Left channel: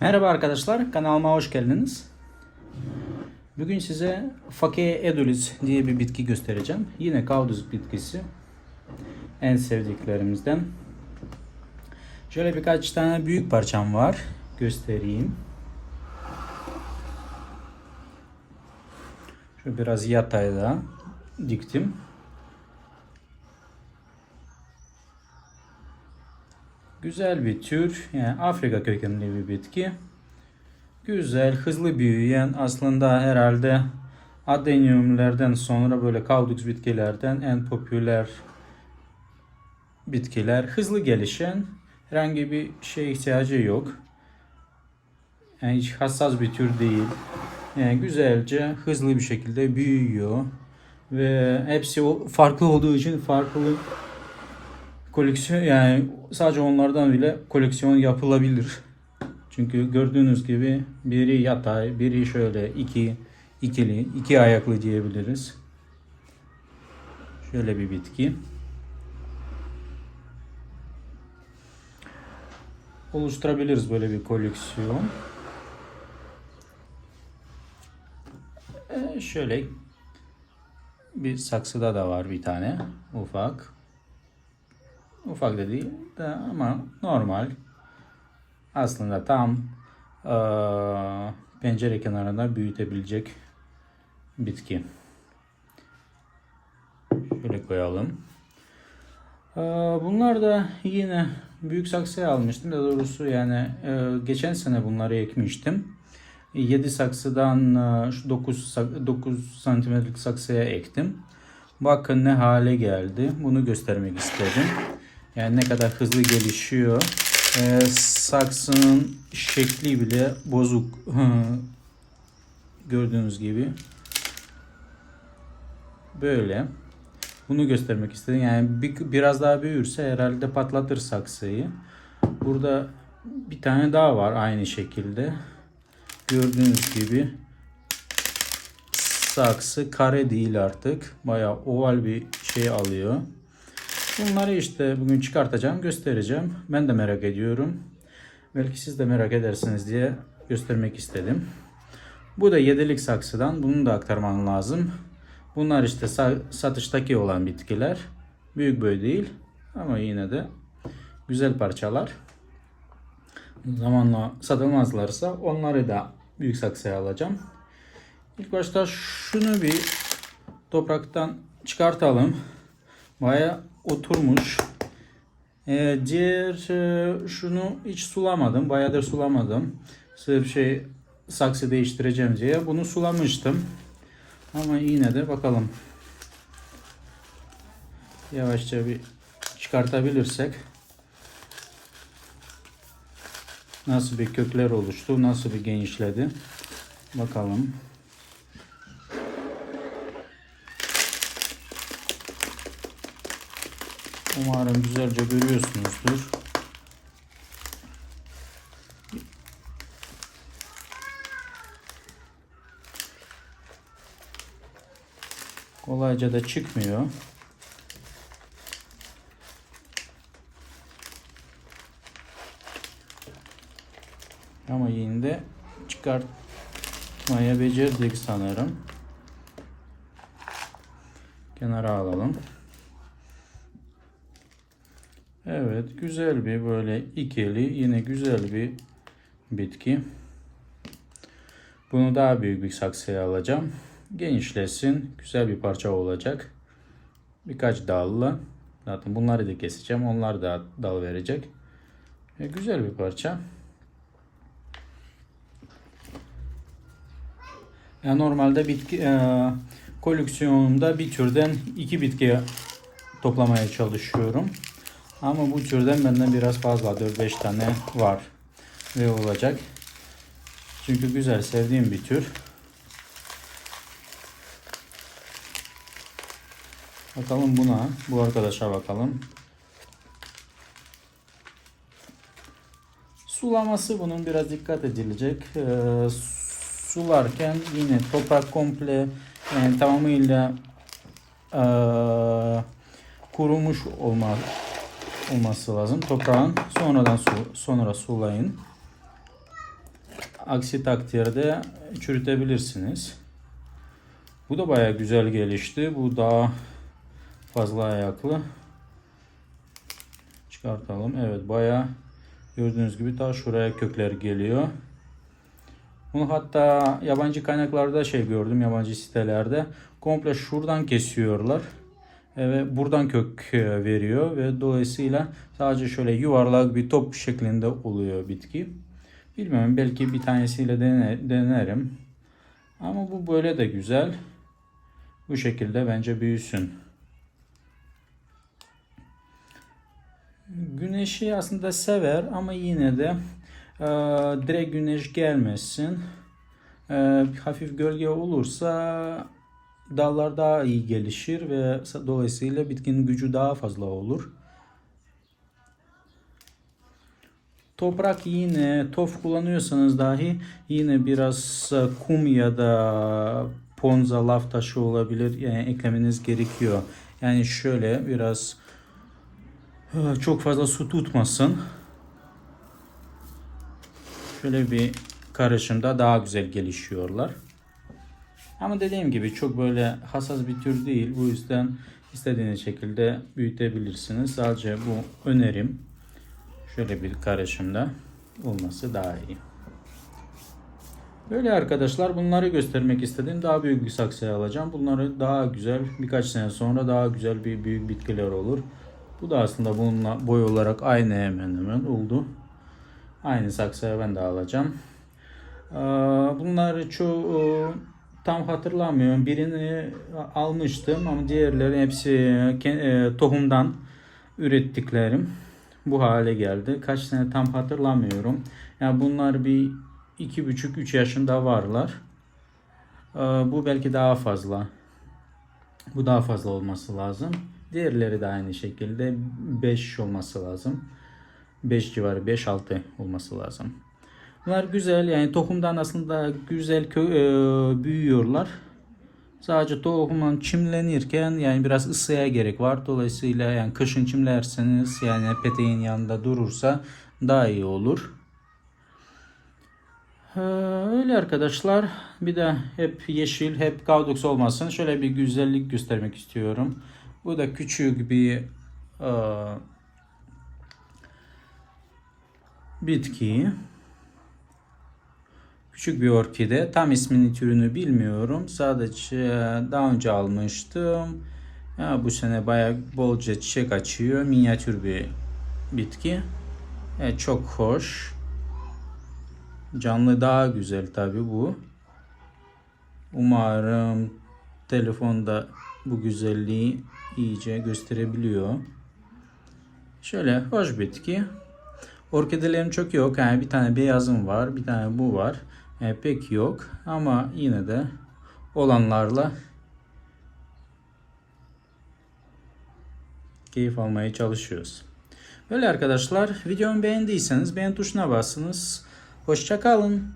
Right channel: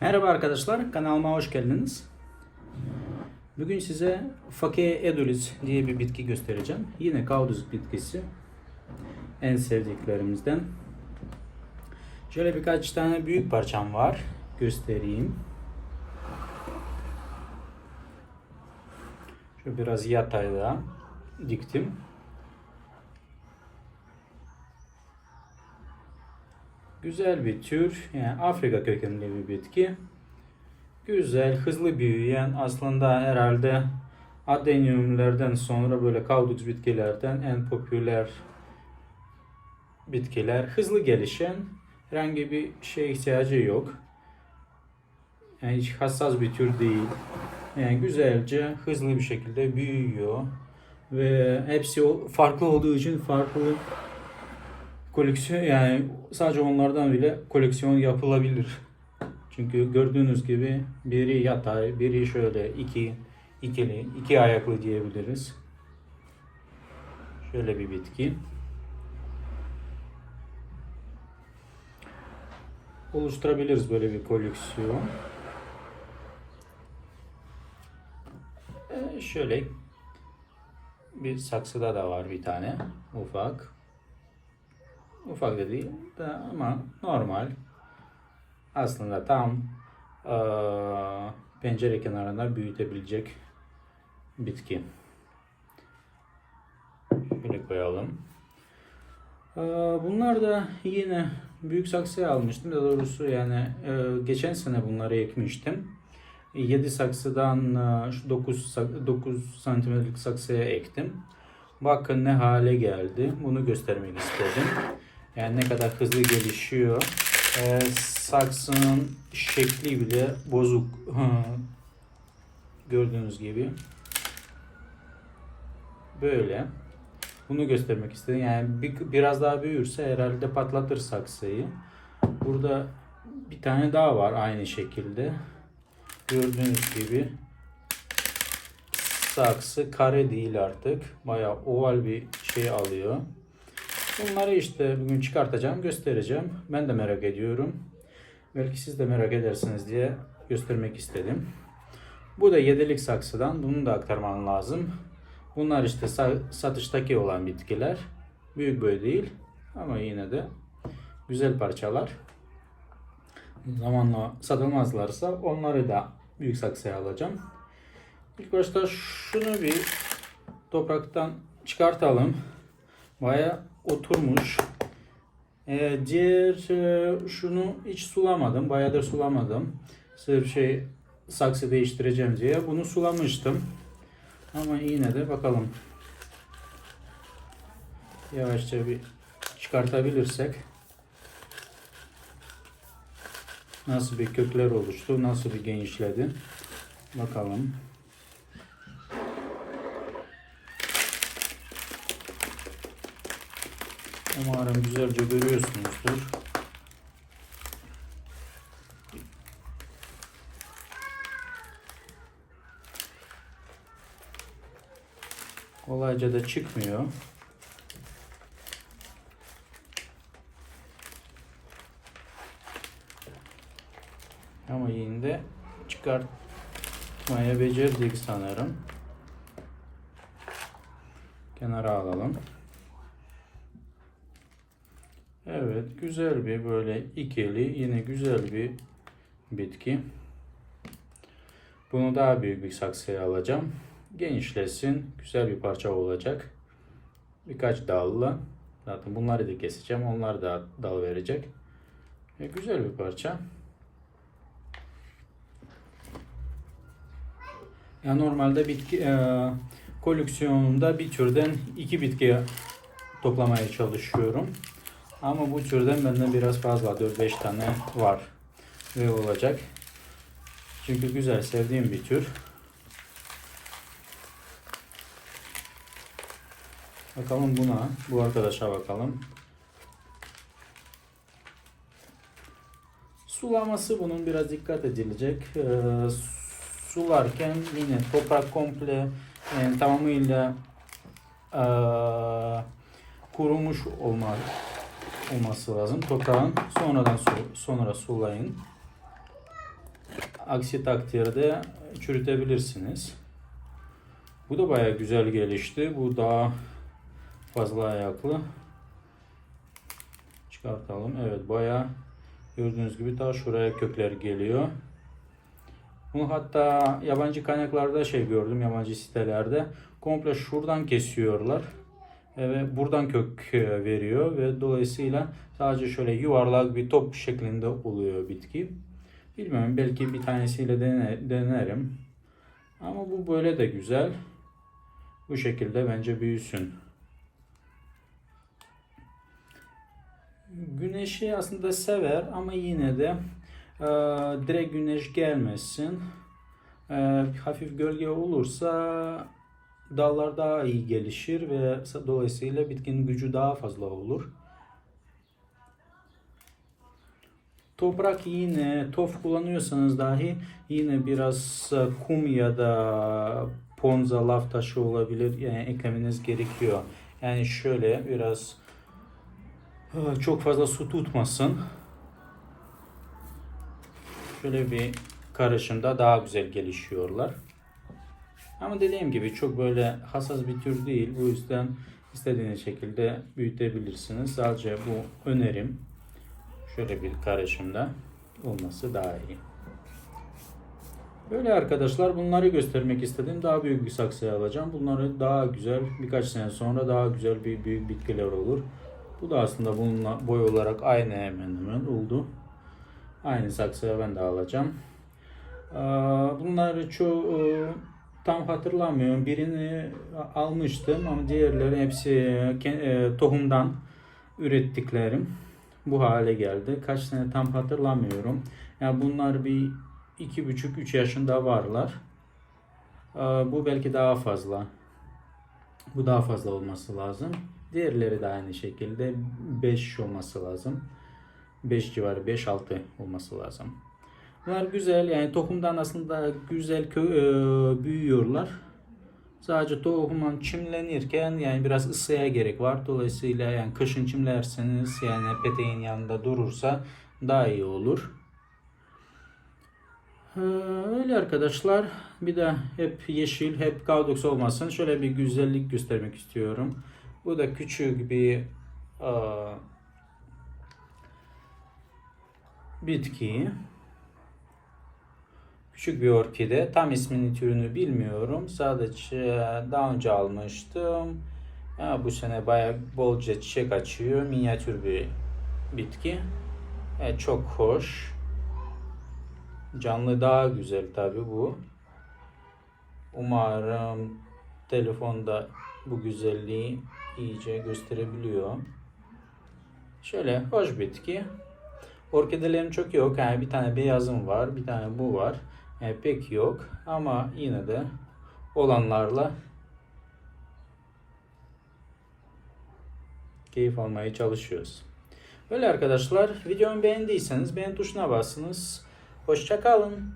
Merhaba arkadaşlar, kanalıma hoş geldiniz. Bugün size Fakea edulis diye bir bitki göstereceğim. Yine kauduz bitkisi. En sevdiklerimizden. Şöyle birkaç tane büyük parçam var. Göstereyim. Şöyle biraz yatayda diktim. Güzel bir tür, yani Afrika kökenli bir bitki. Güzel, hızlı büyüyen, aslında herhalde adenyumlardan sonra böyle kaudux bitkilerden en popüler bitkiler. Hızlı gelişen, herhangi bir şey ihtiyacı yok. Yani hiç hassas bir tür değil. Yani güzelce, hızlı bir şekilde büyüyor. Ve hepsi farklı olduğu için farklı koleksiyon yani sadece onlardan bile koleksiyon yapılabilir. Çünkü gördüğünüz gibi biri yatay, biri şöyle iki ikili, iki ayaklı diyebiliriz. Şöyle bir bitki. Oluşturabiliriz böyle bir koleksiyon. Ee, şöyle bir saksıda da var bir tane ufak. Ufak da değil de ama normal. Aslında tam eee, pencere kenarında büyütebilecek bitki. Şöyle koyalım. Eee, bunlar da yine büyük saksıya almıştım. Daha doğrusu yani eee, geçen sene bunları ekmiştim. 7 saksıdan eee, şu 9, 9 santimetrelik saksıya ektim. Bakın ne hale geldi. Bunu göstermek istedim. Yani ne kadar hızlı gelişiyor. Ee, saksının şekli bile bozuk. Gördüğünüz gibi. Böyle. Bunu göstermek istedim. Yani bir, biraz daha büyürse herhalde patlatır saksıyı. Burada bir tane daha var aynı şekilde. Gördüğünüz gibi saksı kare değil artık. Bayağı oval bir şey alıyor. Bunları işte bugün çıkartacağım, göstereceğim. Ben de merak ediyorum. Belki siz de merak edersiniz diye göstermek istedim. Bu da yedilik saksıdan. Bunu da aktarmam lazım. Bunlar işte sa- satıştaki olan bitkiler. Büyük boy değil ama yine de güzel parçalar. Zamanla satılmazlarsa onları da büyük saksıya alacağım. İlk başta şunu bir topraktan çıkartalım. Baya oturmuş. Ee, diğer e, şunu hiç sulamadım. Bayağıdır sulamadım. Sırf şey saksı değiştireceğim diye. Bunu sulamıştım. Ama yine de bakalım. Yavaşça bir çıkartabilirsek nasıl bir kökler oluştu, nasıl bir genişledi. Bakalım. Umarım güzelce görüyorsunuzdur. Kolayca da çıkmıyor. Ama yine de çıkartmaya becerdik sanırım. Kenara alalım. Güzel bir böyle ikili, yine güzel bir bitki. Bunu daha büyük bir saksıya alacağım. Genişlesin, güzel bir parça olacak. Birkaç dallı. Zaten bunları da keseceğim, onlar da dal verecek. E, güzel bir parça. Ya normalde bitki e, koleksiyonumda bir türden iki bitki toplamaya çalışıyorum. Ama bu türden benden biraz fazla 4-5 tane var ve olacak. Çünkü güzel sevdiğim bir tür. Bakalım buna, bu arkadaşa bakalım. Sulaması bunun biraz dikkat edilecek. Ee, sularken yine toprak komple yani tamamıyla ee, kurumuş olma olması lazım. Toprağın sonradan su, sonra sulayın. Aksi takdirde çürütebilirsiniz. Bu da baya güzel gelişti. Bu daha fazla ayaklı. Çıkartalım. Evet baya gördüğünüz gibi daha şuraya kökler geliyor. Bunu hatta yabancı kaynaklarda şey gördüm yabancı sitelerde komple şuradan kesiyorlar ve buradan kök e, veriyor ve dolayısıyla sadece şöyle yuvarlak bir top şeklinde oluyor bitki. Bilmiyorum belki bir tanesiyle dene, denerim. Ama bu böyle de güzel. Bu şekilde bence büyüsün. Güneşi aslında sever ama yine de e, direkt güneş gelmesin. E, hafif gölge olursa dallar daha iyi gelişir ve dolayısıyla bitkinin gücü daha fazla olur. Toprak yine tof kullanıyorsanız dahi yine biraz e, kum ya da ponza laf taşı olabilir yani eklemeniz gerekiyor. Yani şöyle biraz e, çok fazla su tutmasın. Şöyle bir karışımda daha güzel gelişiyorlar. Ama dediğim gibi çok böyle hassas bir tür değil. Bu yüzden istediğiniz şekilde büyütebilirsiniz. Sadece bu önerim. Şöyle bir karışımda olması daha iyi. Böyle arkadaşlar bunları göstermek istedim. Daha büyük bir saksıya alacağım. Bunları daha güzel birkaç sene sonra daha güzel bir büyük bitkiler olur. Bu da aslında bununla boy olarak aynı hemen hemen oldu. Aynı saksıya ben de alacağım. Bunları çoğu tam hatırlamıyorum. Birini almıştım ama diğerleri hepsi ke- e, tohumdan ürettiklerim bu hale geldi. Kaç sene tam hatırlamıyorum. Yani bunlar bir iki buçuk üç yaşında varlar. Ee, Bu belki daha fazla. Bu daha fazla olması lazım. Diğerleri de aynı şekilde 5 olması lazım. 5 civarı 5-6 olması lazım. Bunlar güzel yani tohumdan aslında güzel kö- e, büyüyorlar. Sadece tohumdan çimlenirken yani biraz ısıya gerek var. Dolayısıyla yani kışın çimlerseniz yani peteğin yanında durursa daha iyi olur. Ee, Öyle arkadaşlar. Bir de hep yeşil, hep gaudox olmasın. Şöyle bir güzellik göstermek istiyorum. Bu da küçük bir e, bitki. Küçük bir orkide. Tam ismini türünü bilmiyorum. Sadece daha önce almıştım. Ya bu sene bayağı bolca çiçek açıyor. Minyatür bir bitki. Evet, çok hoş. Canlı daha güzel tabi bu. Umarım telefonda bu güzelliği iyice gösterebiliyor. Şöyle hoş bitki. Orkidelerim çok yok. Yani bir tane beyazım var, bir tane bu var. Yani pek yok ama yine de olanlarla keyif almaya çalışıyoruz. Böyle arkadaşlar videomu beğendiyseniz beğen tuşuna basınız. Hoşçakalın.